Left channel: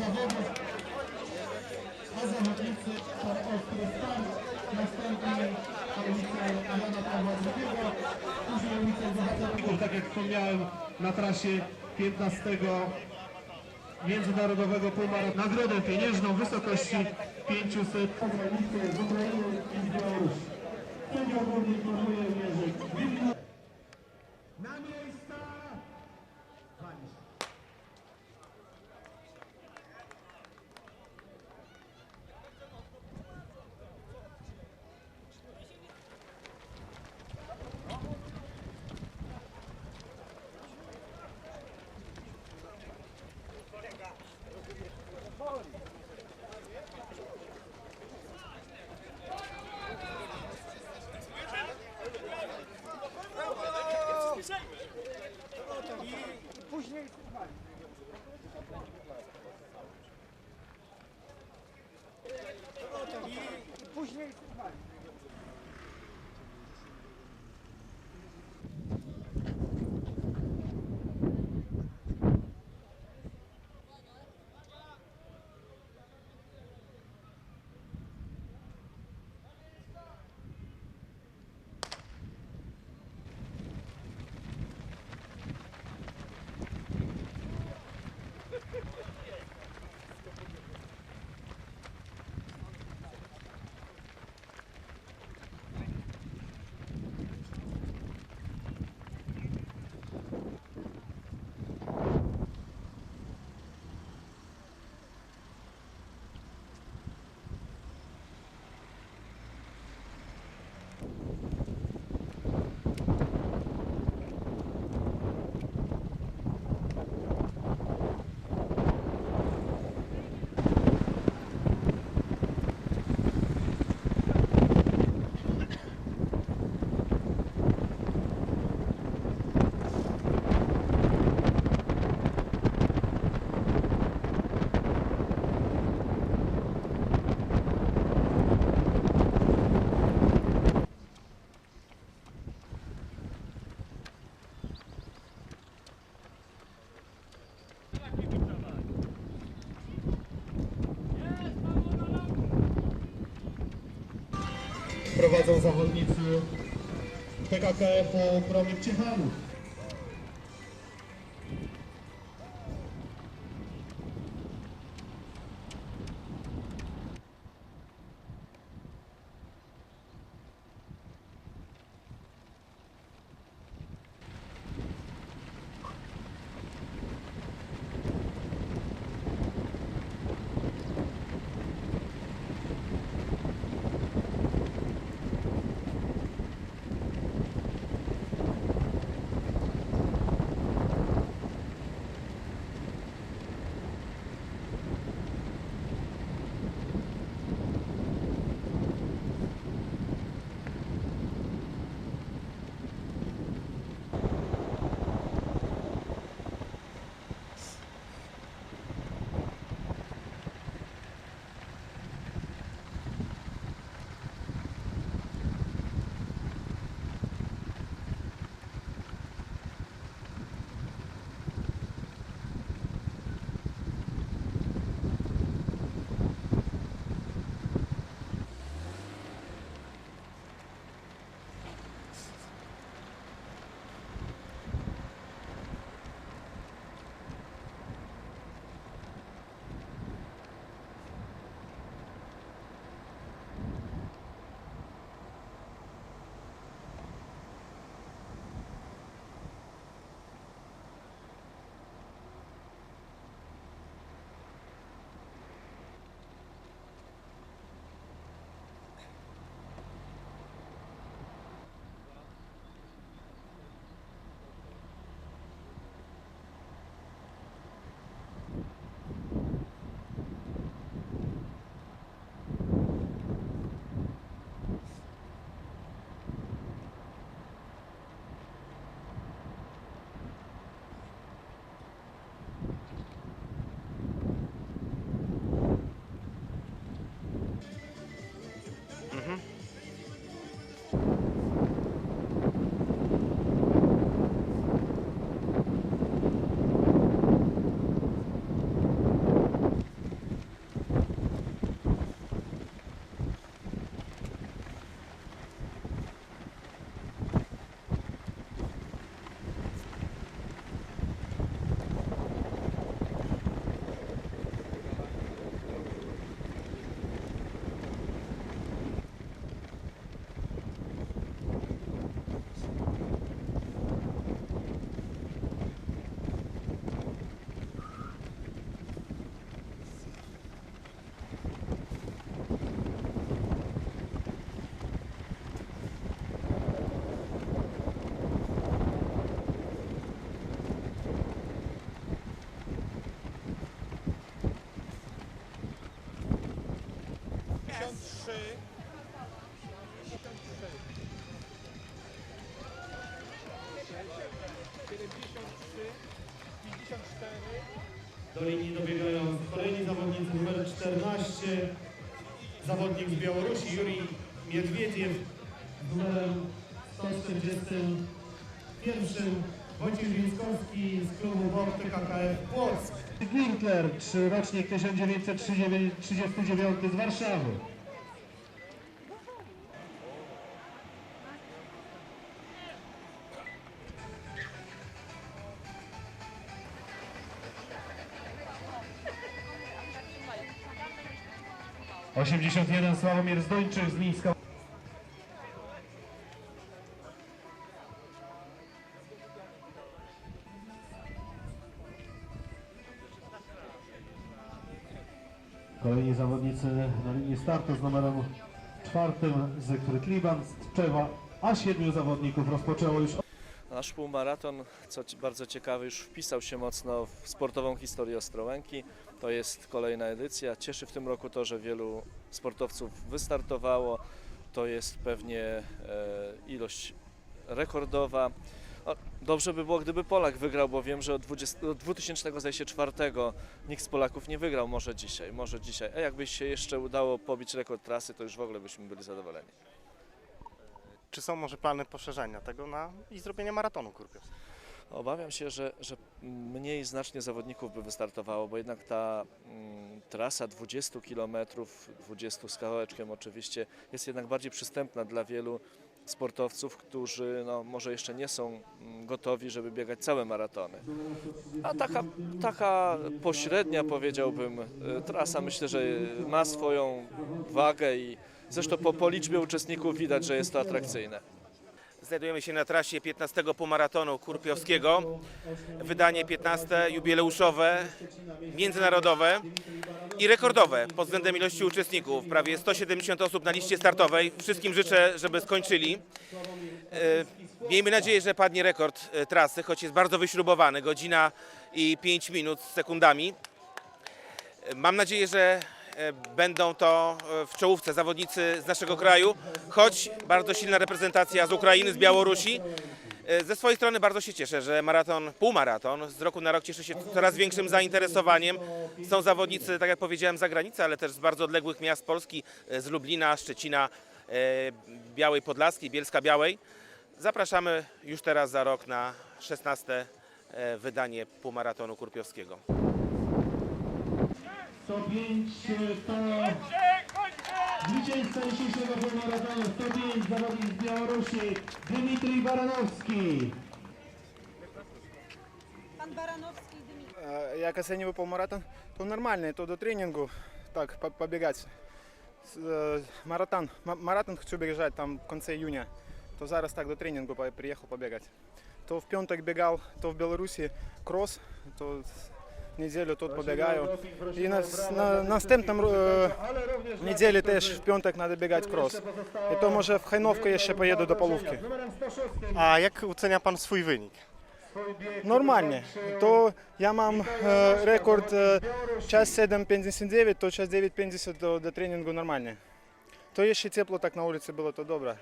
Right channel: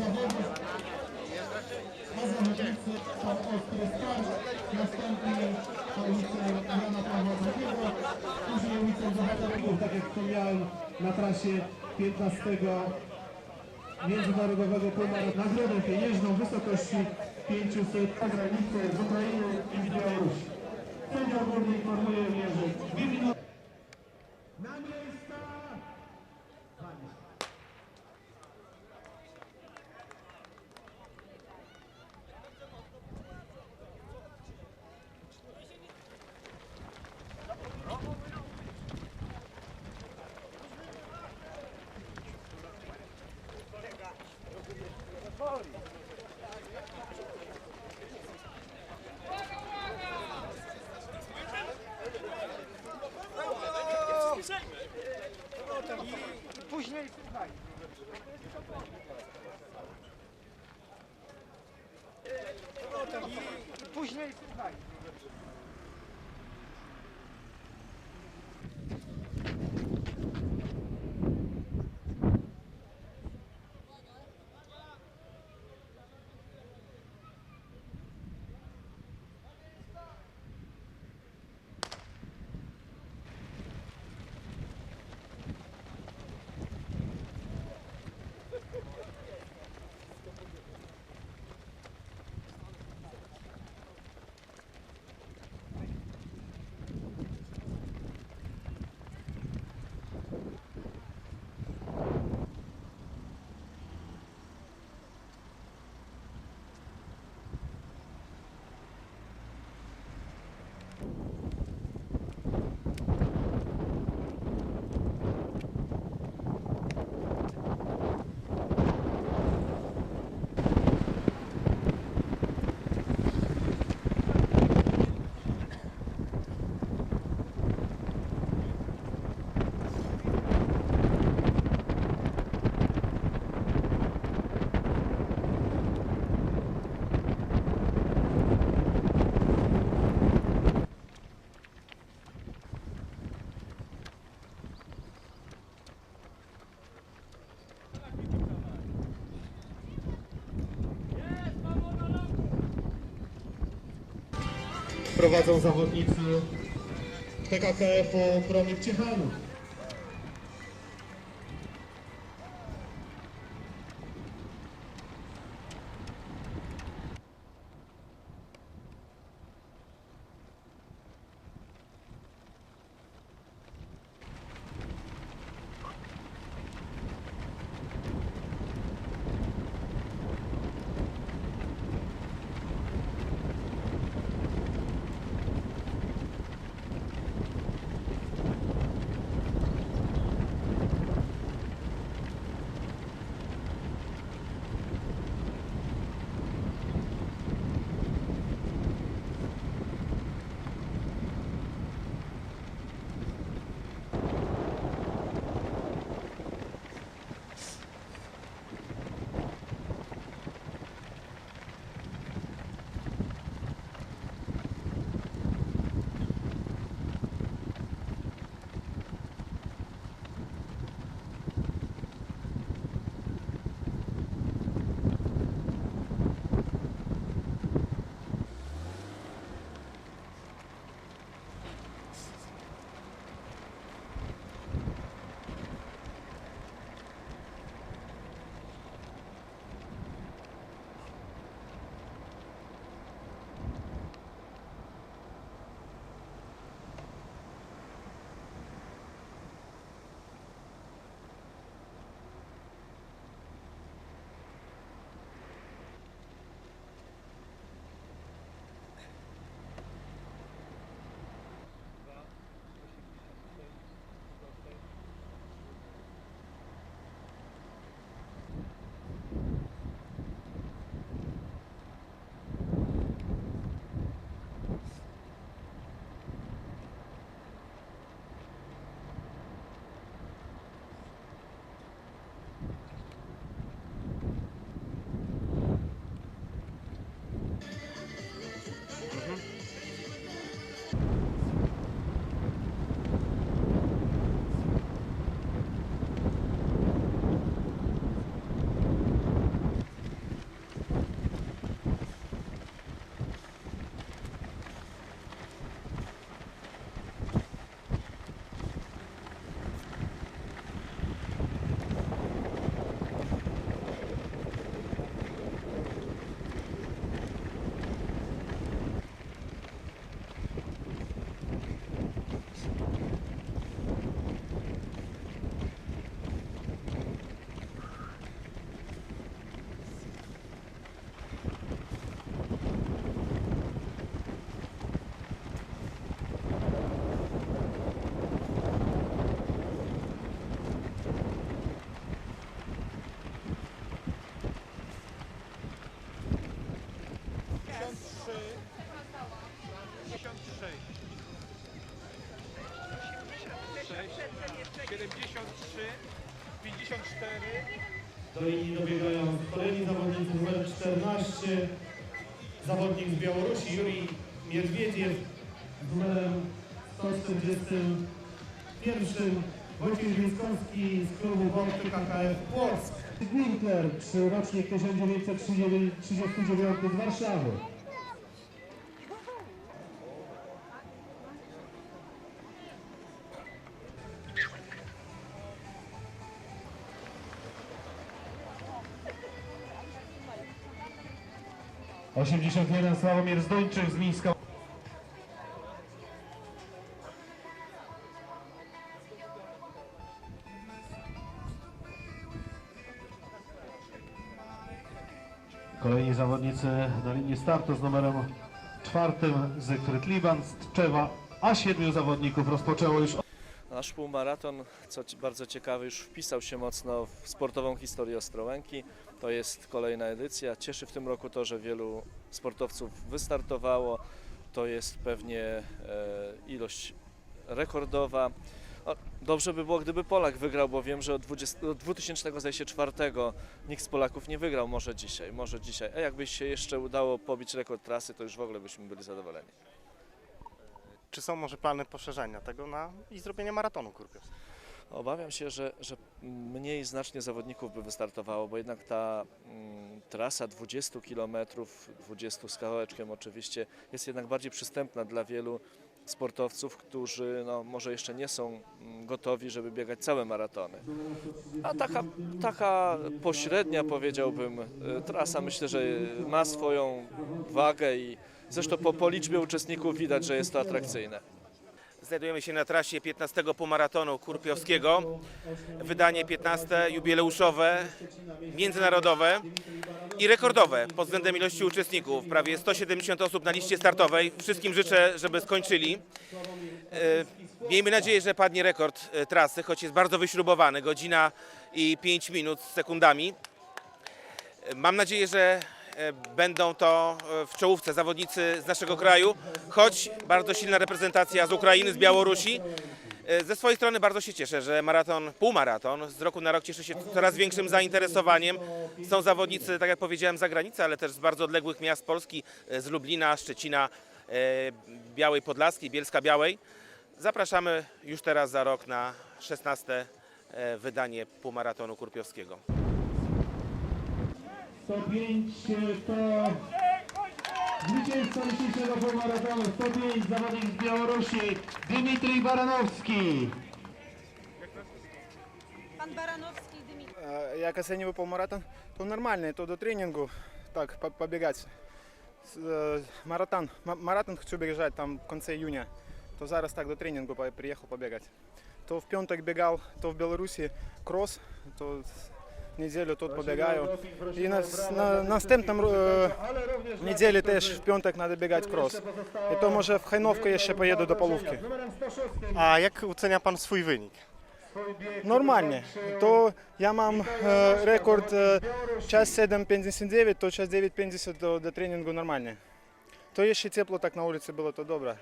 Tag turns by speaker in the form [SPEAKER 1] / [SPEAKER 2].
[SPEAKER 1] zawodów. A zawodnicy to Ostry Start, następnie to ulica Jana Pawła II, później ulica Bohaterów, tak jak wspomniałem, na trasie 15 międzynarodowego półmaratonu. Nagrodę pieniężną w wysokości 500 zagranicy z Ukrainy i z Białorusi. Sędzia główny informuje minuty. Na miejsca! Walisz.
[SPEAKER 2] I później słuchaj. I później słuchaj.
[SPEAKER 1] Prowadzą zawodnicy PKKF-u Promyk Ciechanów.
[SPEAKER 3] 53 73 54
[SPEAKER 1] Do linii dobiegają kolejni zawodnicy numer 14. Zawodnik z Białorusi Juri Miedwiediew z numerem 141. Wojciech Więckowski z klubu Wąty KKF Płock. Winkler, rocznik 1939 z Warszawy. Osiemdziesiąt jeden Sławomir Zdończyk z Mińska. Kolejni zawodnicy na linii startu z numerem czwartym Zygfryd Liban z Tczewa, a siedmiu zawodników rozpoczęło już
[SPEAKER 4] Nasz półmaraton, co bardzo ciekawe, już wpisał się mocno w sportową historię Ostrołęki. To jest kolejna edycja. Cieszy w tym roku to, że wielu sportowców wystartowało. To jest pewnie e, ilość rekordowa. Dobrze by było, gdyby Polak wygrał, bo wiem, że od, 20, od 2004 nikt z Polaków nie wygrał. Może dzisiaj, może dzisiaj. A jakby się jeszcze udało pobić rekord trasy, to już w ogóle byśmy byli zadowoleni.
[SPEAKER 3] Czy są może plany poszerzenia tego na i zrobienia maratonu kurpiowskiego?
[SPEAKER 4] Obawiam się, że, że mniej znacznie zawodników by wystartowało, bo jednak ta mm, trasa 20 km, 20 z kawałeczkiem oczywiście, jest jednak bardziej przystępna dla wielu sportowców, którzy no, może jeszcze nie są mm, gotowi, żeby biegać całe maratony. A taka, taka pośrednia, powiedziałbym, y, trasa myślę, że ma swoją wagę i zresztą po, po liczbie uczestników widać, że jest to atrakcyjne.
[SPEAKER 5] Znajdujemy się na trasie 15 półmaratonu Kurpiowskiego. Wydanie 15 jubileuszowe, międzynarodowe i rekordowe pod względem ilości uczestników. Prawie 170 osób na liście startowej. Wszystkim życzę, żeby skończyli. E, Miejmy nadzieję, że padnie rekord e, trasy, choć jest bardzo wyśrubowany. Godzina i 5 minut z sekundami. E, Mam nadzieję, że będą to e, w czołówce zawodnicy z naszego kraju, choć bardzo silna reprezentacja z Ukrainy, z Białorusi. E, Ze swojej strony bardzo się cieszę, że maraton, półmaraton z roku na rok cieszy się coraz większym zainteresowaniem. Są zawodnicy, tak jak powiedziałem, z zagranicy, ale też z bardzo odległych miast Polski, e, z Lublina, Szczecina, e, Białej Podlaskiej, Bielska Białej. Zapraszamy już teraz za rok na 16 e, wydanie półmaratonu Kurpiowskiego.
[SPEAKER 1] 105 to zwycięzca dzisiejszego półmaratonu. 105 zawodnik z Białorusi Dmitrij Baranowski.
[SPEAKER 6] Pan Baranowski Дмитрий.
[SPEAKER 2] Э, Як оцениваю полмаратон, то нормально, то до тренингу так по- побегать. Э, Маратон, ма- маратон хочу бежать там в конце июня, то зараз так до тренингу приехал побегать. То в пяток бегал, то в Беларуси кросс, то неделю тут побегаю. И на, с- на настępnym э, неделе też w piątek надо biegać cross. I to może w Hajnówkę jeszcze pojedę do Polówki.
[SPEAKER 1] Numerem 106
[SPEAKER 3] A jak ocenia Pan swój wynik?
[SPEAKER 2] Нормально. То я mam e, rekord e, час 7.59, то час 9.50 до, до тренінгу нормально. То ще тепло так на вулиці було, то добре.